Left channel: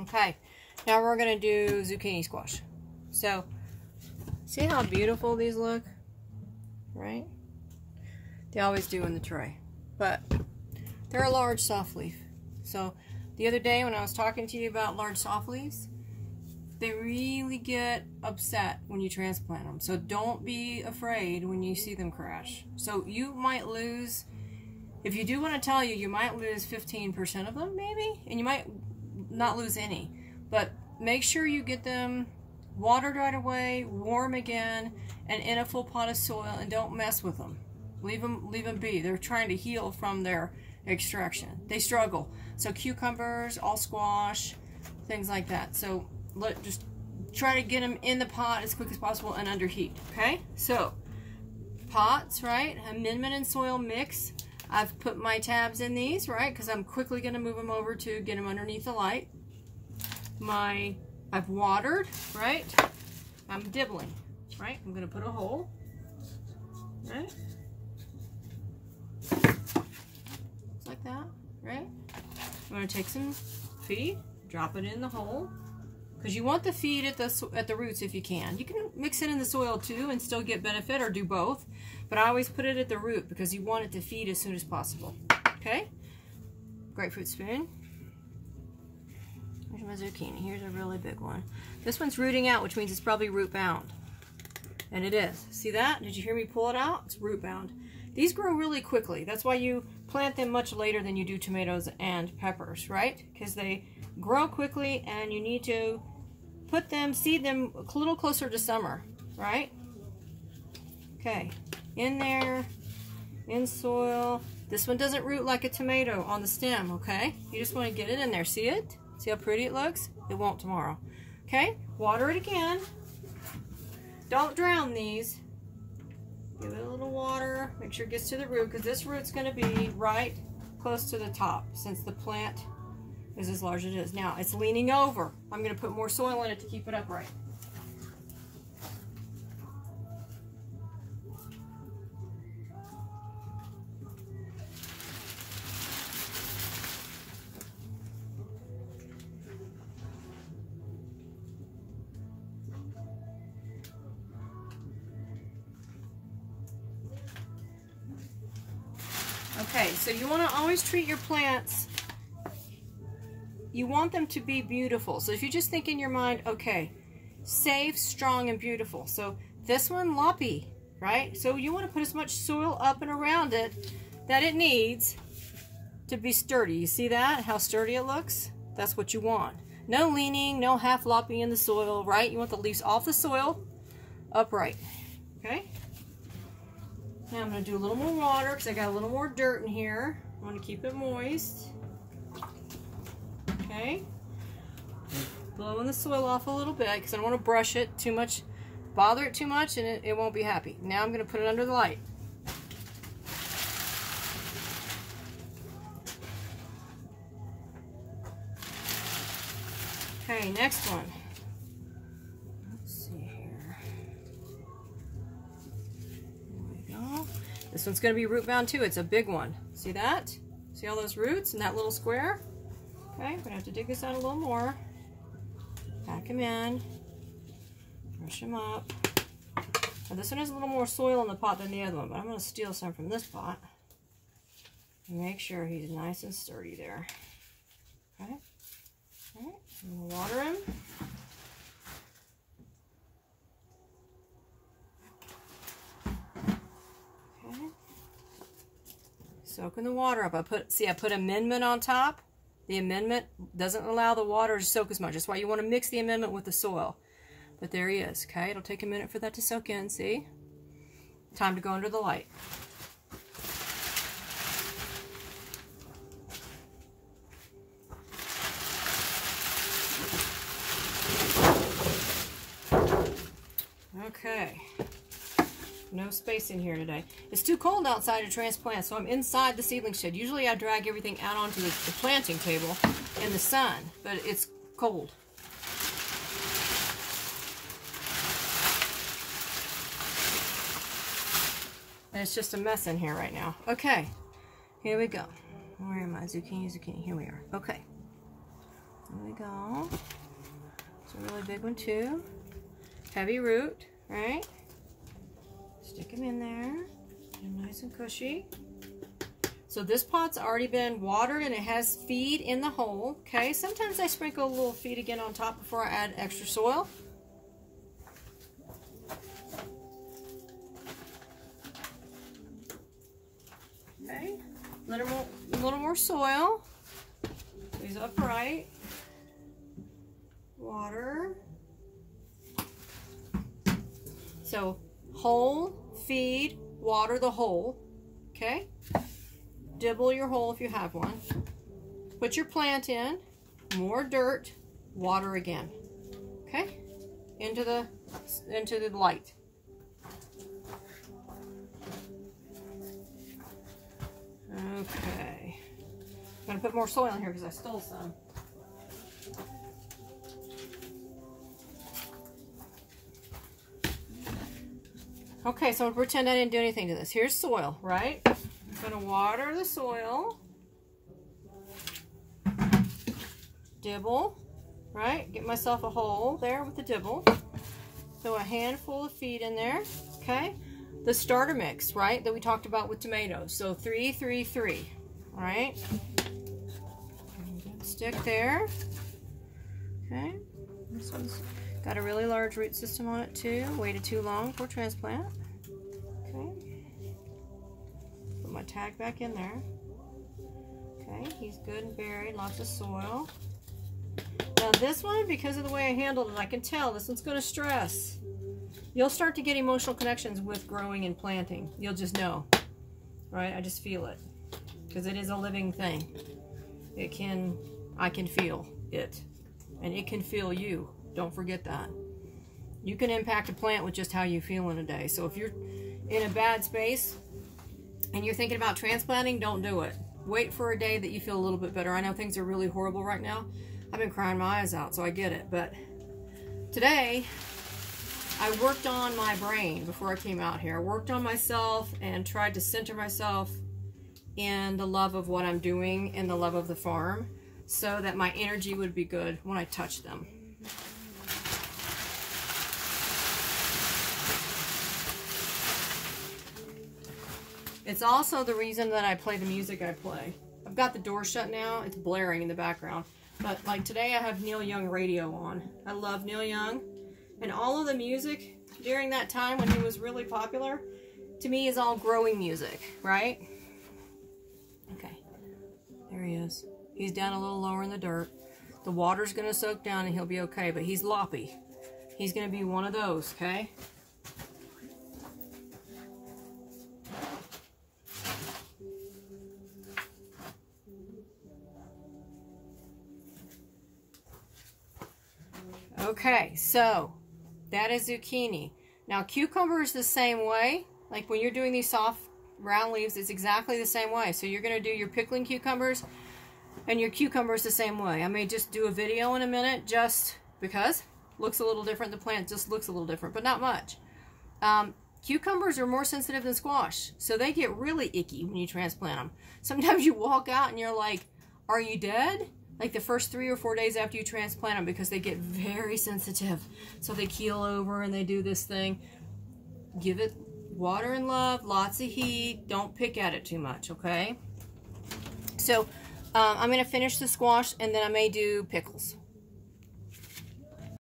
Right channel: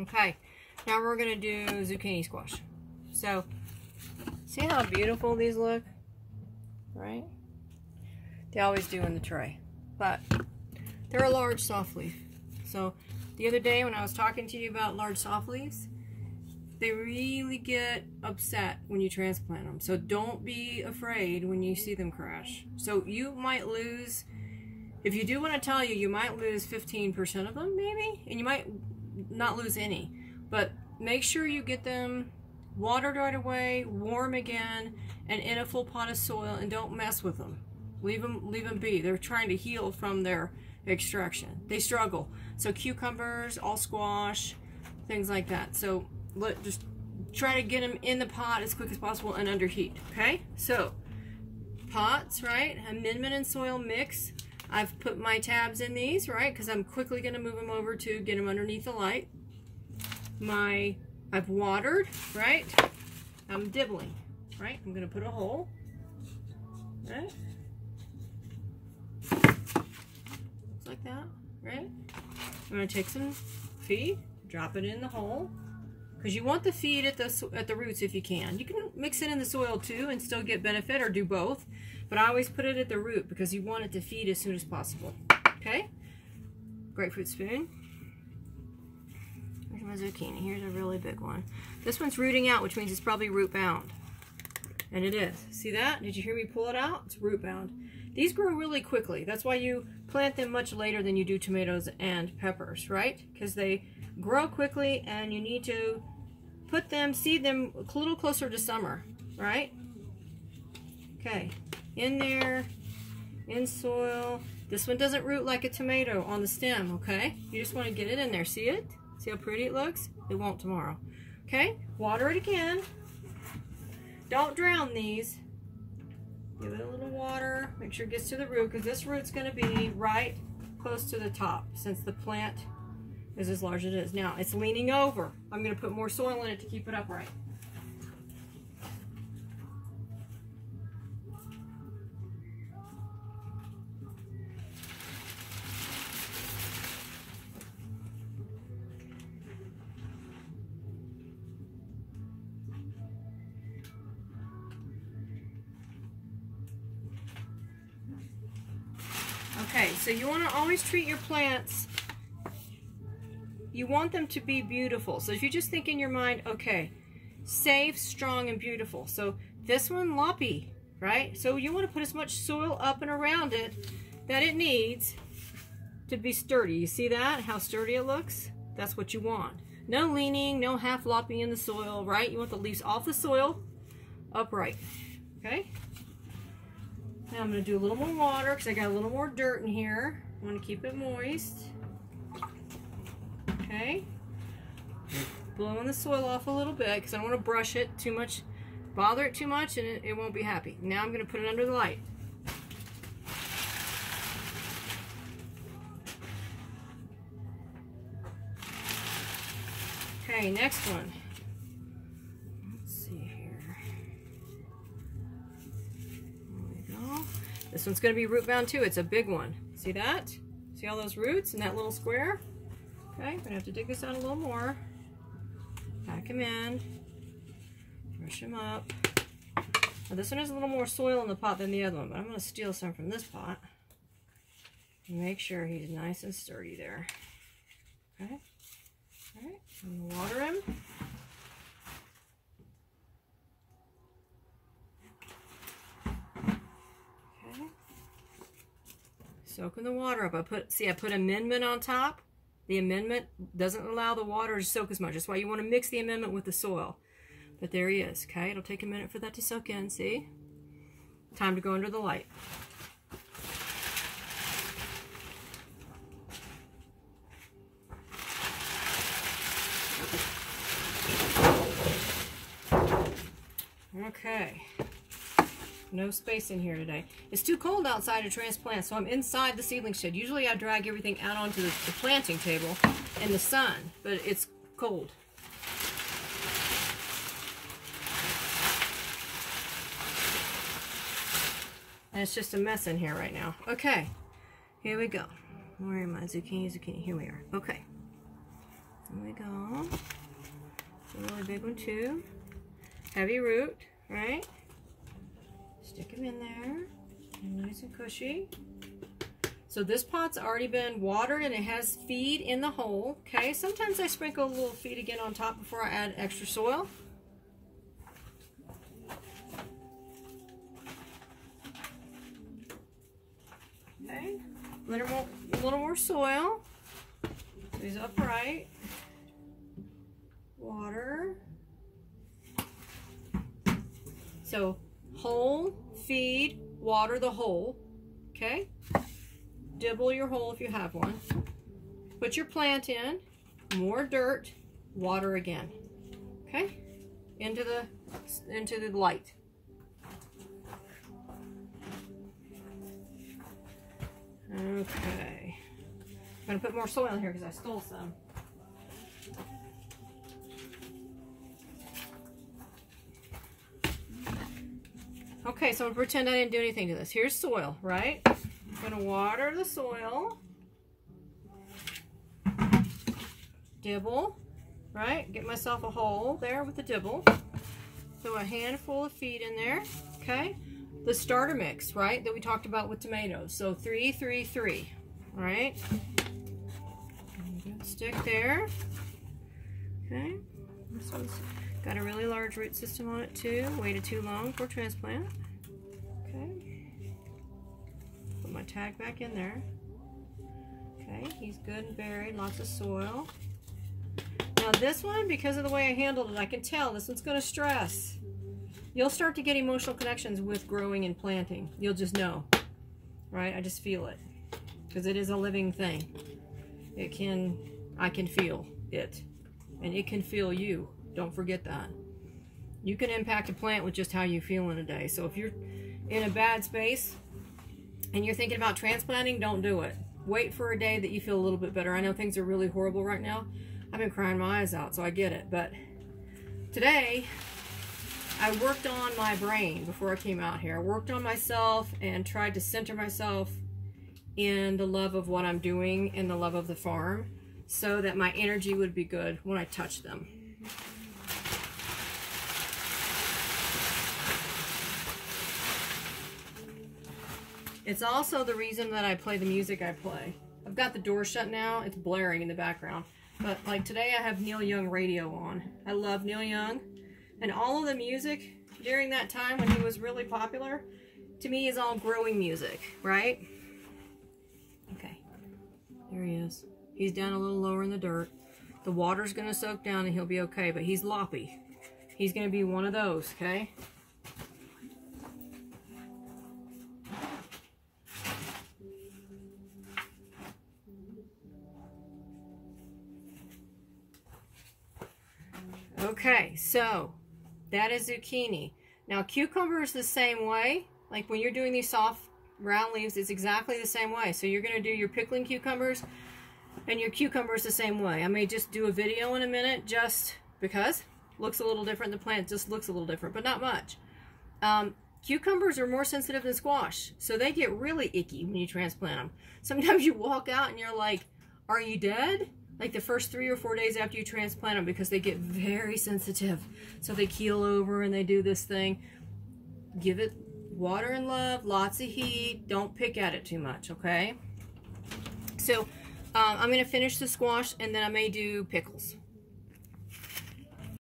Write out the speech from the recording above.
Okay, now we're going to do zucchini squash. So, see how beautiful these look? Right? They always do in the tray. But they're a large soft leaf. So, the other day when I was talking to you about large soft leaves, they really get upset when you transplant them. So don't be afraid when you see them crash. So you might lose, if you do want to tell you, you might lose 15% of them maybe, and you might not lose any. But make sure you get them watered right away, warm again, and in a full pot of soil, and don't mess with them. Leave them be. They're trying to heal from their extraction. They struggle. So cucumbers, all squash, things like that. So just try to get them in the pot as quick as possible and under heat. Okay, so pots, right? Amendment and soil mix. I've put my tabs in these, right? Because I'm quickly going to move them over to get them underneath the light. I've watered, right? I'm dibbling, right? I'm going to put a hole, right? Just like that, right? I'm going to take some feed, drop it in the hole. Because you want the feed at the roots if you can. You can mix it in the soil too and still get benefit, or do both. But I always put it at the root because you want it to feed as soon as possible. Okay? Grapefruit spoon. Here's my zucchini. Here's a really big one. This one's rooting out, which means it's probably root bound. And it is. See that? Did you hear me pull it out? It's root bound. These grow really quickly. That's why you plant them much later than you do tomatoes and peppers, right? Because they grow quickly and you need to put them, seed them a little closer to summer, right? Okay, in there, in soil. This one doesn't root like a tomato on the stem, okay? You just want to get it in there. See it? See how pretty it looks? It won't tomorrow. Okay, water it again. Don't drown these. Give it a little water. Make sure it gets to the root, because this root's going to be right close to the top since the plant is as large as it is. Now, it's leaning over. I'm going to put more soil in it to keep it upright. Okay, so you want to always treat your plants, you want them to be beautiful. So if you just think in your mind, okay, safe, strong, and beautiful. So this one, loppy, right? So you want to put as much soil up and around it that it needs to be sturdy. You see that? How sturdy it looks? That's what you want. No leaning, no half loppy in the soil, right? You want the leaves off the soil, upright, okay? Now I'm going to do a little more water because I got a little more dirt in here. I want to keep it moist. Okay. Blowing the soil off a little bit because I don't want to brush it too much, bother it too much, and it won't be happy. Now I'm going to put it under the light. Okay, next one. This one's going to be root bound too. It's a big one. See that? See all those roots in that little square? Okay, I'm going to have to dig this out a little more. Pack them in. Brush them up. Now this one has a little more soil in the pot than the other one, but I'm going to steal some from this pot. And make sure he's nice and sturdy there. Okay? Alright, I'm going to water him. Soak in the water up. I put amendment on top. The amendment doesn't allow the water to soak as much. That's why you want to mix the amendment with the soil. But there he is. Okay, it'll take a minute for that to soak in. See? Time to go under the light. Okay. No space in here today. It's too cold outside to transplant, so I'm inside the seedling shed. Usually I drag everything out onto the planting table in the sun, but it's cold. And it's just a mess in here right now. Okay, here we go. Where am I? Zucchini, zucchini. Here we are. Okay. I'm we go. It's a really big one too. Heavy root, right? Stick them in there. Get them nice and cushy. So this pot's already been watered and it has feed in the hole, okay? Sometimes I sprinkle a little feed again on top before I add extra soil. Okay, a little more soil. These upright. Water. So hole, feed, water the hole, okay? Dibble your hole if you have one. Put your plant in, more dirt, water again. Okay? Into the light. Okay. I'm gonna put more soil in here because I stole some. Okay, so I'm gonna pretend I didn't do anything to this. Here's soil, right? I'm gonna water the soil. Dibble, right? Get myself a hole there with the dibble. Throw a handful of feed in there, okay? The starter mix, right, that we talked about with tomatoes. So 3, 3, 3, all right? Stick there, okay? This one's got a really large root system on it too. Waited too long for transplant. Okay. Put my tag back in there. Okay, he's good and buried, lots of soil. Now this one, because of the way I handled it, I can tell this one's going to stress. You'll start to get emotional connections with growing and planting. You'll just know, right? I just feel it because it is a living thing. I can feel it, and it can feel you. Don't forget that. You can impact a plant with just how you feel in a day. So if you're in a bad space and you're thinking about transplanting, don't do it. Wait for a day that you feel a little bit better. I know things are really horrible right now. I've been crying my eyes out, so I get it. But today, I worked on my brain before I came out here. I worked on myself and tried to center myself in the love of what I'm doing and the love of the farm so that my energy would be good when I touch them. It's also the reason that I play the music I play. I've got the door shut now. It's blaring in the background. But like today I have Neil Young radio on. I love Neil Young. And all of the music during that time when he was really popular, to me is all growing music, right? Okay, there he is. He's down a little lower in the dirt. The water's gonna soak down and he'll be okay, but he's loppy. He's gonna be one of those, okay? Okay, so that is zucchini. Now cucumber is the same way. Like when you're doing these soft round leaves, it's exactly the same way. So you're going to do your pickling cucumbers and your cucumbers the same way. I may just do a video in a minute just because it looks a little different. The plant just looks a little different, but not much. Cucumbers are more sensitive than squash, so they get really icky when you transplant them. Sometimes you walk out and you're like, are you dead? Like the first 3 or 4 days after you transplant them, because they get very sensitive. So they keel over and they do this thing. Give it water and love, lots of heat. Don't pick at it too much, okay? So I'm going to finish the squash and then I may do pickles.